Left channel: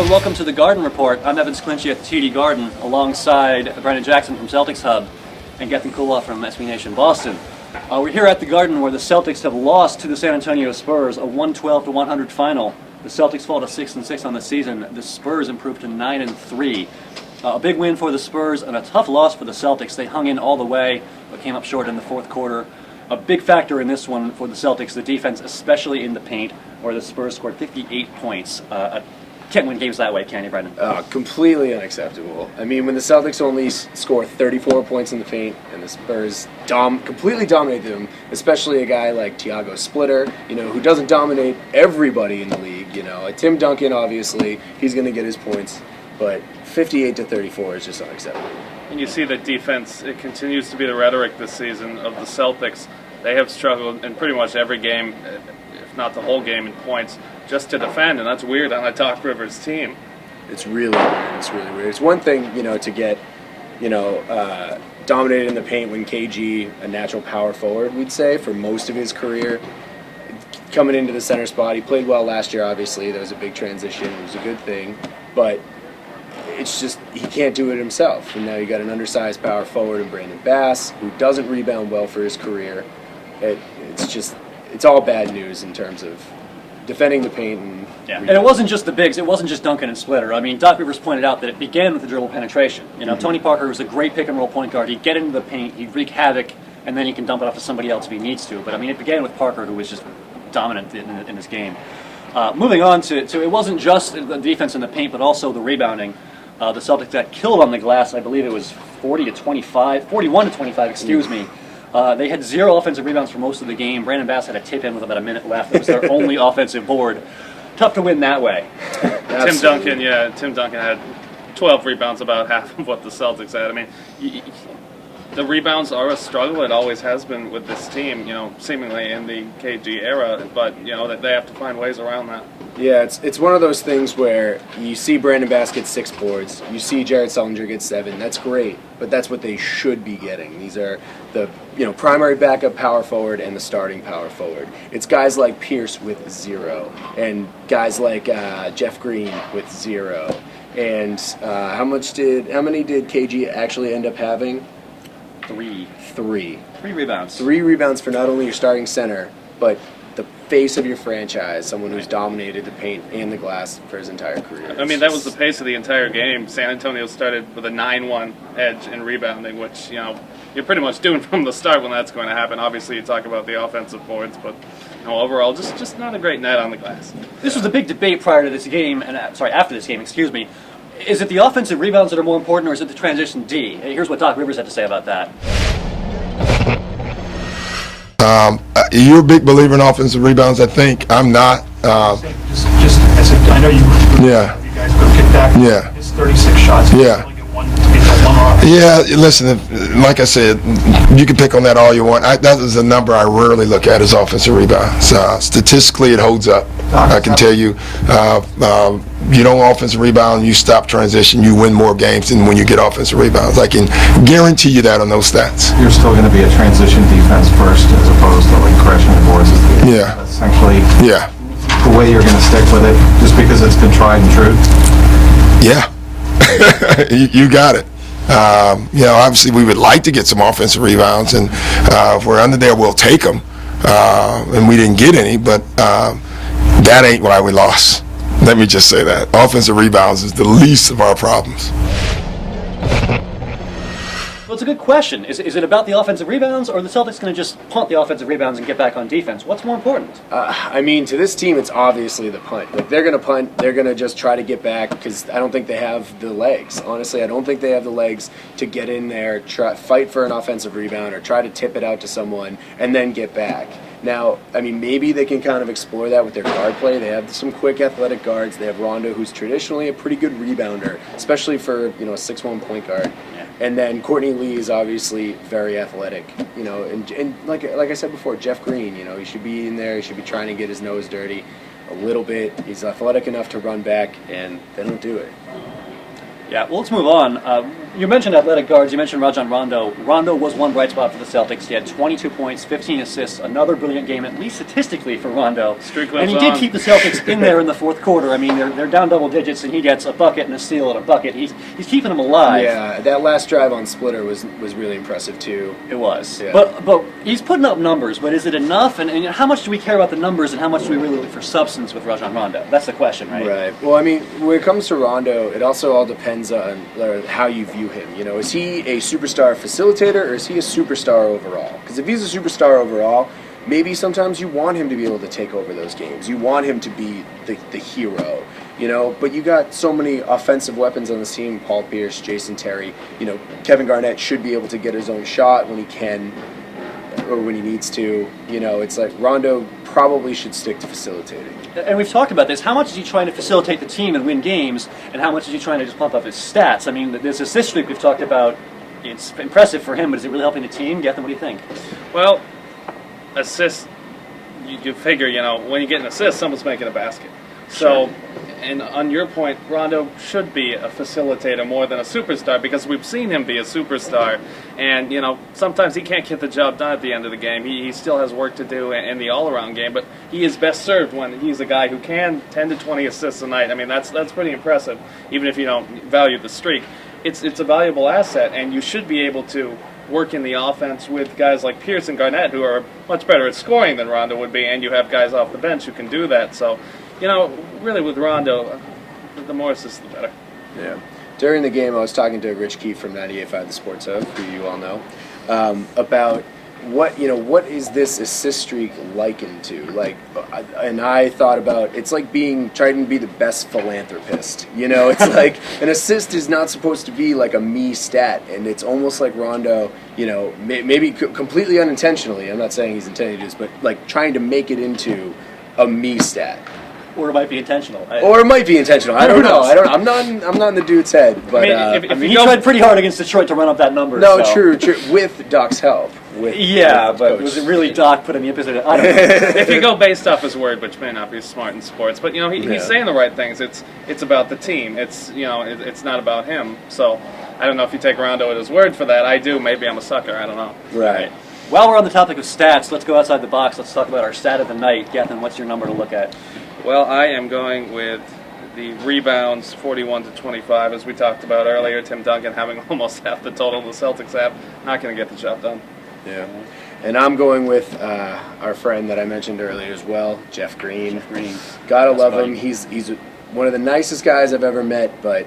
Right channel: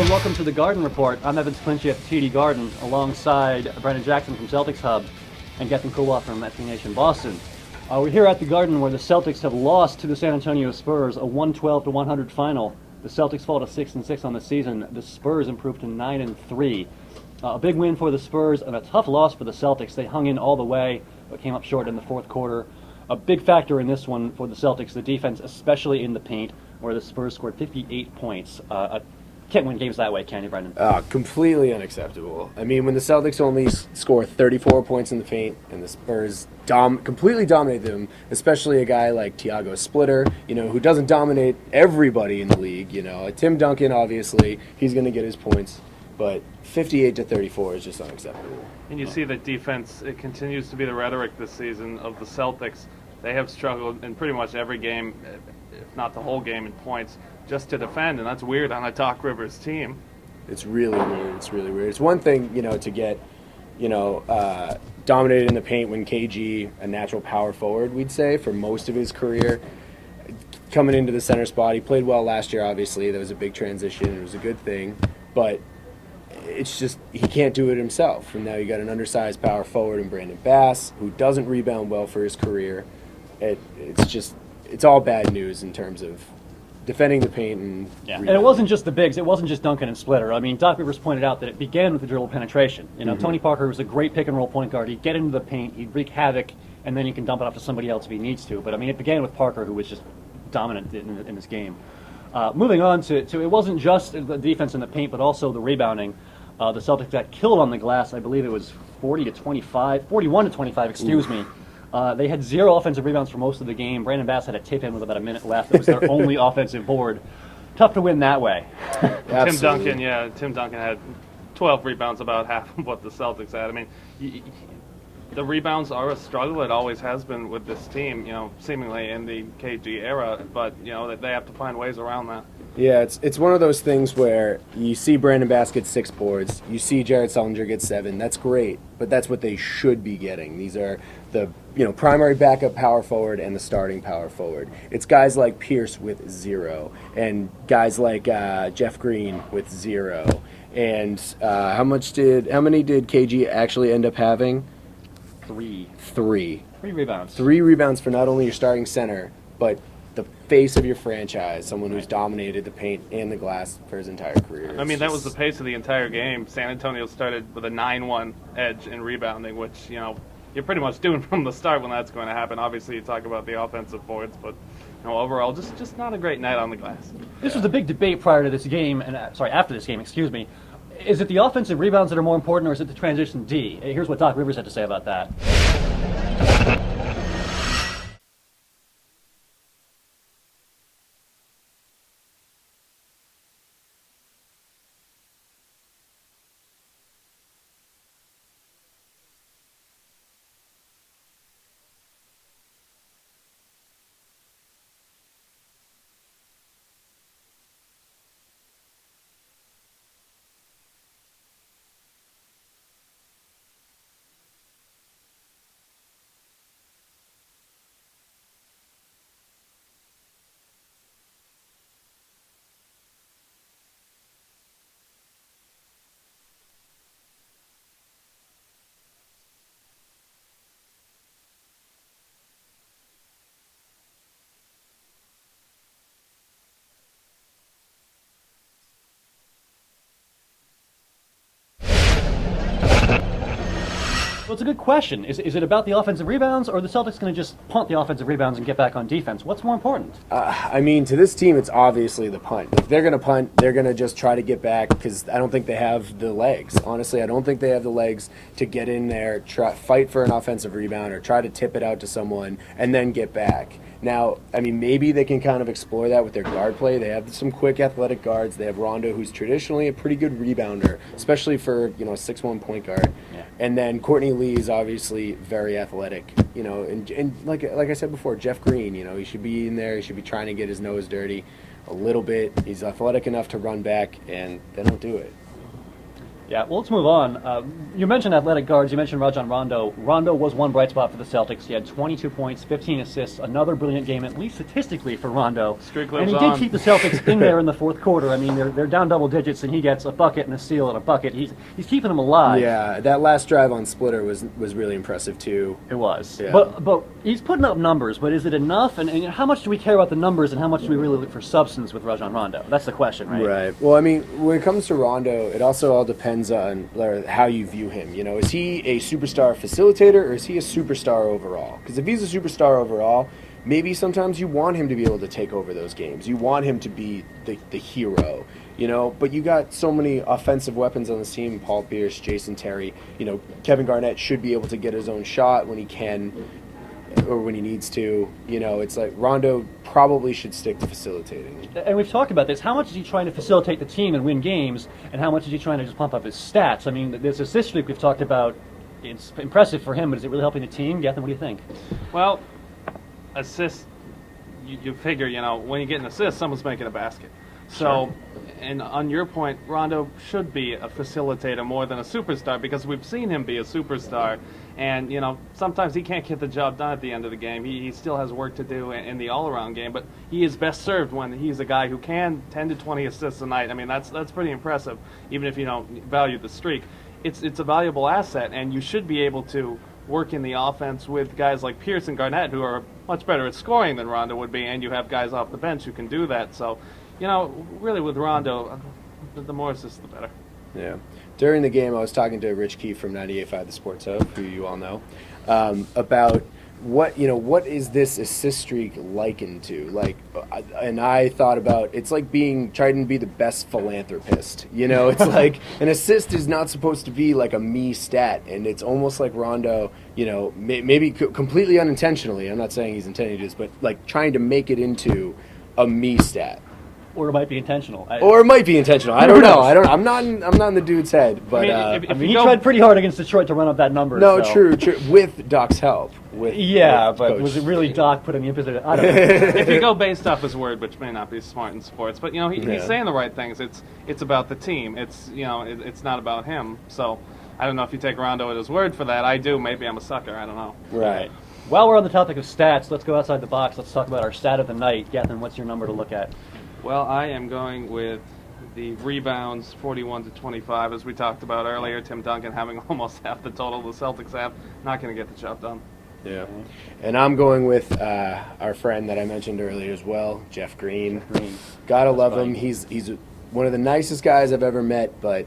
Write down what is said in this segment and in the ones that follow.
Hello and welcome to the Garden Report. I'm Evan Clinchy at the TD Garden alongside Brandon Jackson from Celtics Hub and Gethin Coolbaugh from SB Nation Boston. We're here at the Garden where the Celtics have lost to the San Antonio Spurs, a 112-100 final. The Celtics fall to 6-6 on the season. The Spurs improved to 9-3. A big win for the Spurs and a tough loss for the Celtics. They hung in all the way, but came up short in the fourth quarter. A big factor in this one for the Celtics, the defense, especially in the paint, where the Spurs scored 58 points. Can't win games that way, can you, Brendan? Completely unacceptable. I mean, when the Celtics only score 34 points in the paint and the Spurs completely dominate them, especially a guy like Thiago Splitter, who doesn't dominate everybody in the league. TIm Duncan, obviously, he's going to get his points, but 58-34 is just unacceptable. And you see that defense, it continues to be the rhetoric this season of the Celtics. They have struggled in pretty much every game, if not the whole game, in points, just to defend, and that's weird on a Doc Rivers team. It's really weird. It's really weird. It's one thing, to get, dominated in the paint when KG, a natural power forward, we'd say, for most of his career, coming into the center spot. He played well last year, obviously. That was a big transition. It was a good thing. But it's just, he can't do it himself. And now you got an undersized power forward in Brandon Bass, who doesn't rebound well for his career. It's all bad news in terms of defending the paint. And it wasn't just the bigs. It wasn't just Duncan and Splitter. I mean, Doc Rivers pointed out that it began with the dribble penetration. Tony Parker was a great pick-and-roll point guard. He'd get into the paint, he'd wreak havoc, and then he can dump it off to somebody else if he needs to. But, I mean, it began with Parker, who was just dominant in this game. Moving on to it wasn't just the defense in the paint, but also the rebounding. The Celtics got killed on the glass. I believe it was 41-25, excuse me. They had 0 offensive rebounds for most of the game. Brandon Bass had a tip in with about a minute left. It was their only offensive board. Tough to win that way. Tim Duncan had 12 rebounds, about half of what the Celtics had. I mean, the rebounds are a struggle. It always has been with this team, seemingly in the KG era, but, they have to find ways around that. Yeah, it's one of those things where you see Brandon Bass get 6 boards, you see Jared Sullinger get 7. That's great, but that's what they should be getting. These are the primary backup power forward and the starting power forward. It's guys like Pierce with 0, and guys like Jeff Green with 0. And how many did KG actually end up having? 3. 3 rebounds. 3 rebounds for not only your starting center, but the face of your franchise, someone who's dominated the paint and the glass for his entire career. I mean, that was the pace of the entire game. San Antonio started with a 9-1 edge in rebounding, which, you're pretty much doing from the start when that's going to happen. Obviously, you talk about the offensive boards, but overall, just not a great night on the glass. This was the big debate prior to this game, and after this game, excuse me. Is it the offensive rebounds that are more important, or is it the transition D? And here's what Doc Rivers had to say about that. You're a big believer in offensive rebounds, I think. I'm not. Just as I know you guys go kick back. Yeah. It's 36 shots. Yeah. Yeah, listen, like I said, you can pick on that all you want. That is a number I rarely look at as offensive rebounds. Statistically, it holds up. I can tell you, you don't offensive rebound, you stop transition, you win more games than when you get offensive rebounds. I can guarantee you that on those stats. You're still going to be a transition defense first as opposed to crashing the boards. Yeah. Essentially, yeah, the way you're going to stick with it, just because it's been tried and true. Yeah. You got it. Obviously we would like to get some offensive rebounds, and if we're under there, we'll take them. And we didn't get any, but that ain't why we lost. Let me just say that. Offensive rebounds is the least of our problems. Well, it's a good question. Is it about the offensive rebounds, or are the Celtics going to just punt the offensive rebounds and get back on defense? What's more important? I mean, to this team, it's obviously the punt. If they're going to punt, they're going to just try to get back, because I don't think they have the legs. Honestly, I don't think they have the legs to get in there, fight for an offensive rebound, or try to tip it out to someone, and then get back. Now, I mean, maybe they can kind of explore that with their guard play. They have some quick, athletic guards. They have Rondo, who's traditionally a pretty good rebounder, especially for a 6'1" point guard. Yeah. And then Courtney Lee is obviously very athletic. And like I said before, Jeff Green. He should be in there. He should be trying to get his nose dirty a little bit. He's athletic enough to run back, and they don't do it. Yeah, well, let's move on. You mentioned athletic guards. You mentioned Rajon Rondo. Rondo was one bright spot for the Celtics. He had 22 points, 15 assists, another brilliant game, at least statistically, for Rondo. Streak And lives he did on. keep the Celtics in there in the fourth quarter. I mean, they're down double digits, and he gets a bucket and a steal and a bucket. He's keeping them alive. Yeah, that last drive on Splitter was really impressive too. It was. Yeah. But he's putting up numbers, but is it enough? And how much do we care about the numbers, and how much do we really look for substance with Rajon Rondo? That's the question, right? Right. Well, I mean, when it comes to Rondo, it also all depends on how you view him. You know, is he a superstar facilitator or is he a superstar overall? Because if he's a superstar overall, maybe sometimes you want him to be able to take over those games. You want him to be the hero, you know. But you got so many offensive weapons on this team: Paul Pierce, Jason Terry. You know, Kevin Garnett should be able to get his own shot when he can or when he needs to. You know, it's like Rondo probably should stick to facilitating. And we've talked about this. How much is he trying to facilitate the team and win games, and how much is he trying to just pump up his stats? I mean, this assist streak we've talked about, it's impressive for him, but is it really helping the team? Gethin, what do you think? Well, assists, you figure, you know, when you get an assist, someone's making a basket. So, and on your point, Rondo should be a facilitator more than a superstar, because we've seen him be a superstar. And, you know, sometimes he can't get the job done at the end of the game. He still has work to do in the all-around game, but he is best served when he's a guy who can 10 to 20 assists a night. I mean, that's pretty impressive, even if you don't value the streak. It's a valuable asset, and you should be able to work in the offense with guys like Pierce and Garnett, who are much better at scoring than Rondo would be, and you have guys off the bench who can do that. So, you know, really with Rondo, the more assists, the better. Yeah. During the game, I was talking to Rich Keefe from 98.5 The Sports Hub, who you all know, about what is this assist streak likened to? Like, and I thought about it's like trying to be the best philanthropist. You know, it's like an assist is not supposed to be like a me stat, and it's almost like Rondo. You know, maybe completely unintentionally. I'm not saying he's intending to do this, but like trying to make it into a me stat. Or it might be intentional. Or it might be intentional. I don't know. I'm not in the dude's head. But he tried pretty hard against Detroit to run up that number. No, so. true. With Doc's help. Yeah, but was it really Doc putting the emphasis? I don't know. If you go based off his word, which may not be smart in sports, but you know he's saying the right things. It's about the team. It's it's not about him. So I don't know if you take Rondo at his word for that. I do. Maybe I'm a sucker. I don't know. Right. While we're on the topic of stats, let's go outside the box. Let's talk about our stat of the night. Gethin, what's your number to look at? Well, I am going with the rebounds, 41 to 25, as we talked about earlier. Tim Duncan having almost half the total the Celtics have, not going to get the job done. Yeah. And I'm going with our friend that I mentioned earlier as well, Jeff Green. Gotta love him. He's one of the nicest guys I've ever met, but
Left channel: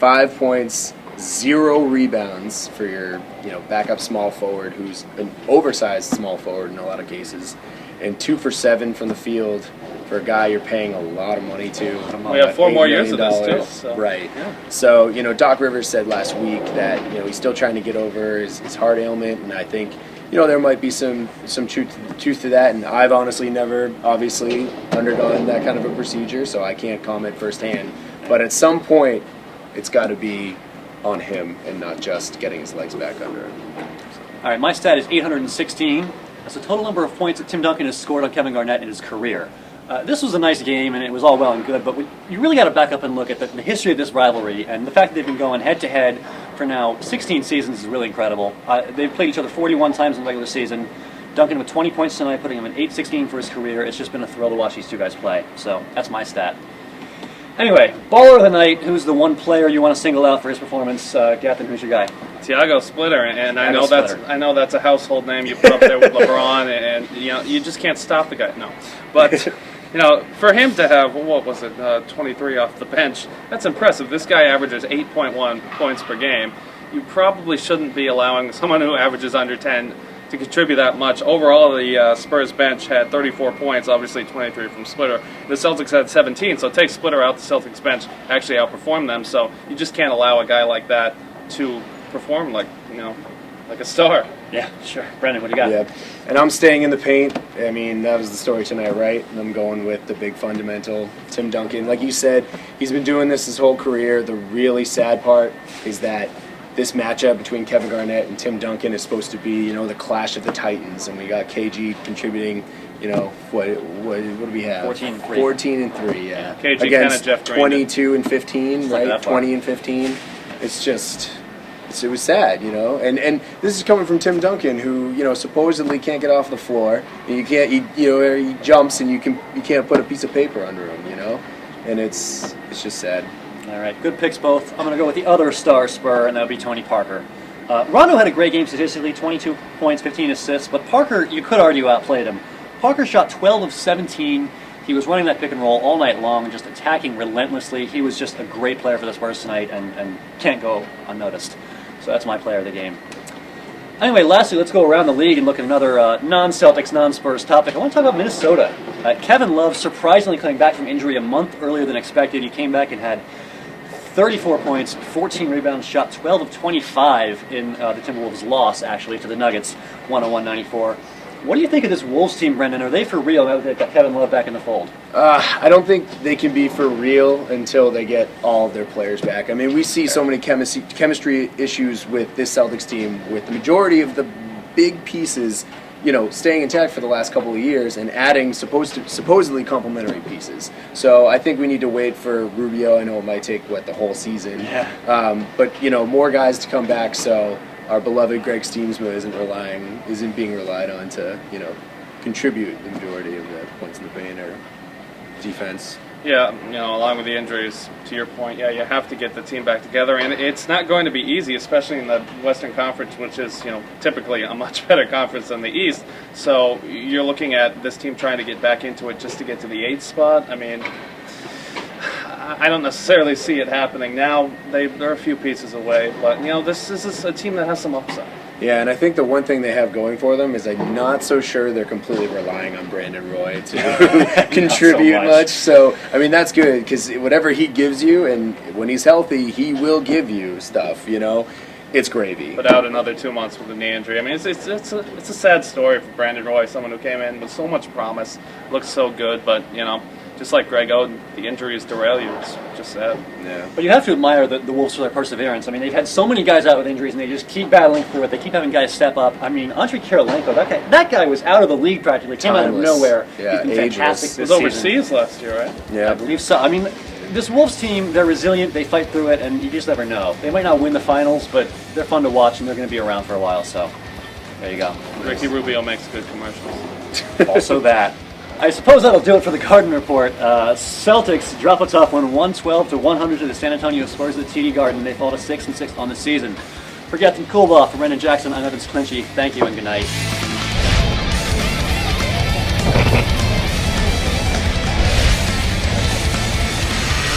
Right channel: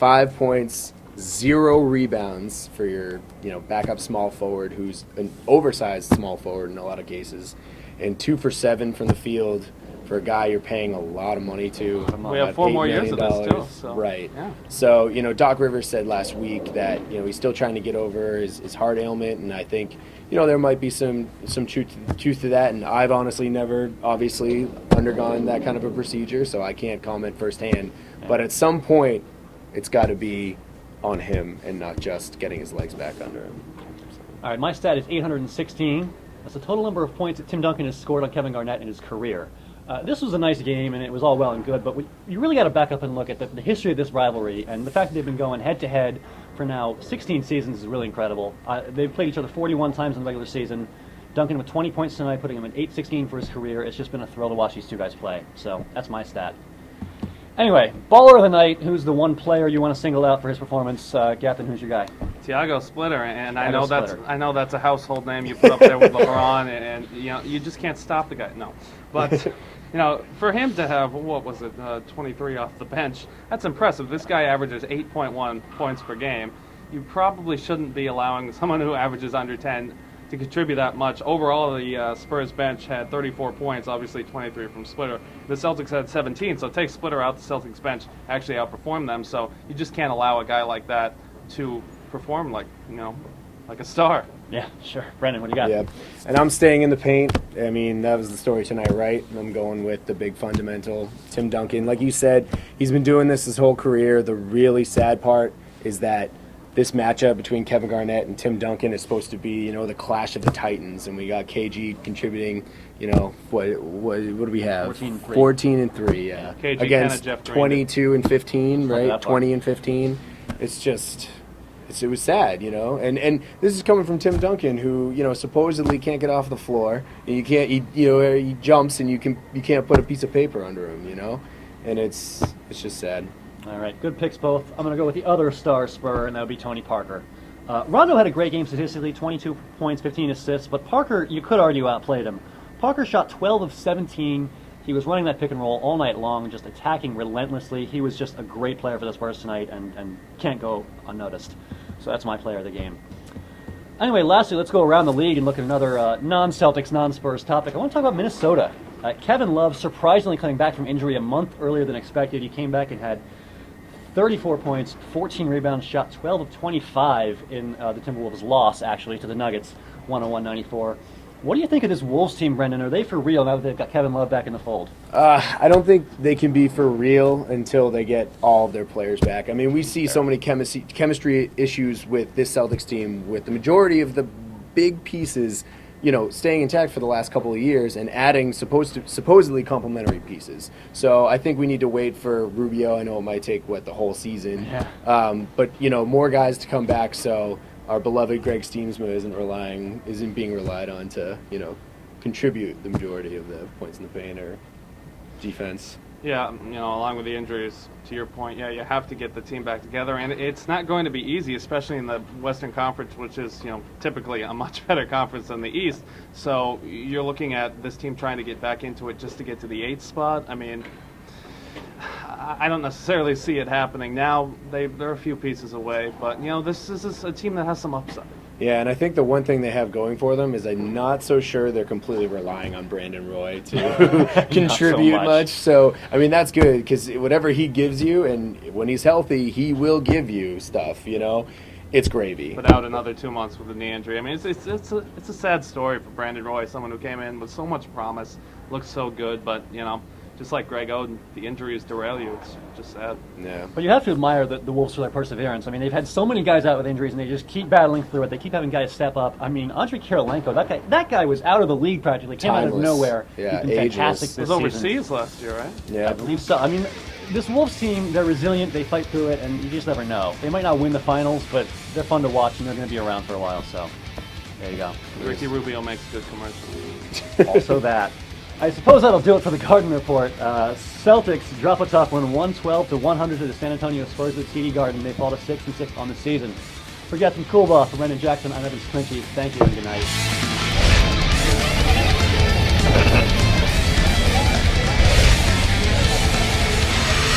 5 points, 0 rebounds for your backup small forward, who's an oversized small forward in a lot of cases, and 2 for 7 from the field for a guy you're paying a lot of money to. We have 4 more years of $8 this million. too. So. Right. Yeah. So Doc Rivers said last week that he's still trying to get over his heart ailment, and I think there might be some truth to that. And I've honestly never obviously undergone that kind of a procedure, so I can't comment firsthand. But at some point, it's got to be on him and not just getting his legs back under him. All right, my stat is 816. That's the total number of points that Tim Duncan has scored on Kevin Garnett in his career. This was a nice game, and it was all well and good, but you really got to back up and look at the history of this rivalry, and the fact that they've been going head-to-head for now 16 seasons is really incredible. They've played each other 41 times in the regular season. Duncan with 20 points tonight, putting him at 816 for his career. It's just been a thrill to watch these two guys play, so that's my stat. Anyway, baller of the night, who's the one player you want to single out for his performance? Gethin, who's your guy? Tiago Splitter, and I Tiago know that's a household name you put up there with LeBron, and you just can't stop the guy. No, but for him to have 23 off the bench, that's impressive. This guy averages 8.1 points per game. You probably shouldn't be allowing someone who averages under 10 to contribute that much. Overall, the Spurs bench had 34 points, obviously 23 from Splitter. The Celtics had 17, so take Splitter out, the Celtics bench actually outperformed them. So you just can't allow a guy like that to perform like a star. Yeah, sure. Brendan, what do you got? Yeah, and I'm staying in the paint. I mean, that was the story tonight, right? And I'm going with the big fundamental, Tim Duncan. Like you said, he's been doing this his whole career. The really sad part is that this matchup between Kevin Garnett and Tim Duncan is supposed to be, the clash of the Titans, and we got KG contributing. What do we have? 14 and 3. 14 and 3, yeah. KG Against kinda Jeff Green 22 and 15, Something right? that far. 20 and 15. It's just, it was sad, And this is coming from Tim Duncan, who supposedly can't get off the floor. And you can't, he jumps and you can't put a piece of paper under him, And it's just sad. All right, good picks both. I'm going to go with the other star Spur, and that would be Tony Parker. Rondo had a great game statistically, 22 points, 15 assists, but Parker, you could argue, outplayed him. Parker shot 12 of 17. He was running that pick and roll all night long and just attacking relentlessly. He was just a great player for the Spurs tonight and can't go unnoticed. So that's my player of the game. Anyway, lastly, let's go around the league and look at another non-Celtics, non-Spurs topic. I want to talk about Minnesota. Kevin Love surprisingly coming back from injury a month earlier than expected. He came back and had 34 points, 14 rebounds, shot 12 of 25 in the Timberwolves' loss, actually, to the Nuggets, 101-94. What do you think of this Wolves team, Brendan? Are they for real now that they've got Kevin Love back in the fold? I don't think they can be for real until they get all of their players back. I mean, we see so many chemistry issues with this Celtics team, with the majority of the big pieces, staying intact for the last couple of years and adding supposedly complementary pieces. So I think we need to wait for Rubio. I know it might take, the whole season. Yeah. But, more guys to come back so our beloved Greg Steamsma isn't being relied on to, contribute the majority of the points in the paint or defense. Yeah, along with the injuries, to your point, you have to get the team back together, and it's not going to be easy, especially in the Western Conference, which is, typically a much better conference than the East. So you're looking at this team trying to get back into it just to get to the 8th spot. I mean, I don't necessarily see it happening now. They're a few pieces away, but this is a team that has some upside. Yeah, and I think the one thing they have going for them is I'm not so sure they're completely relying on Brandon Roy to contribute much. So, I mean, that's good because whatever he gives you, and when he's healthy, he will give you stuff, It's gravy. But out another 2 months with a knee injury. I mean, it's a sad story for Brandon Roy, someone who came in with so much promise, looks so good, but, just like Greg Oden, the injuries derail you. It's just sad. Yeah. But you have to admire the Wolves for their perseverance. I mean, they've had so many guys out with injuries, and they just keep battling through it. They keep having guys step up. I mean, Andre Kirilenko, that guy was out of the league practically. Came out of Timeless. nowhere. Yeah, He's been fantastic He this was season. overseas last year, right? Yeah. I believe so. I mean, this Wolves team, they're resilient. They fight through it, and you just never know. They might not win the finals, but they're fun to watch, and they're going to be around for a while. So, there you go. Ricky Rubio makes good commercials. Also that. I suppose that'll do it for the Garden Report. Celtics drop a tough one, 112-100 to the San Antonio Spurs at TD Garden. They fall to 6-6 on the season. For Gethin, Coolbaugh, for Brendan Jackson, I'm Evan Clinchy. Thank you and good night.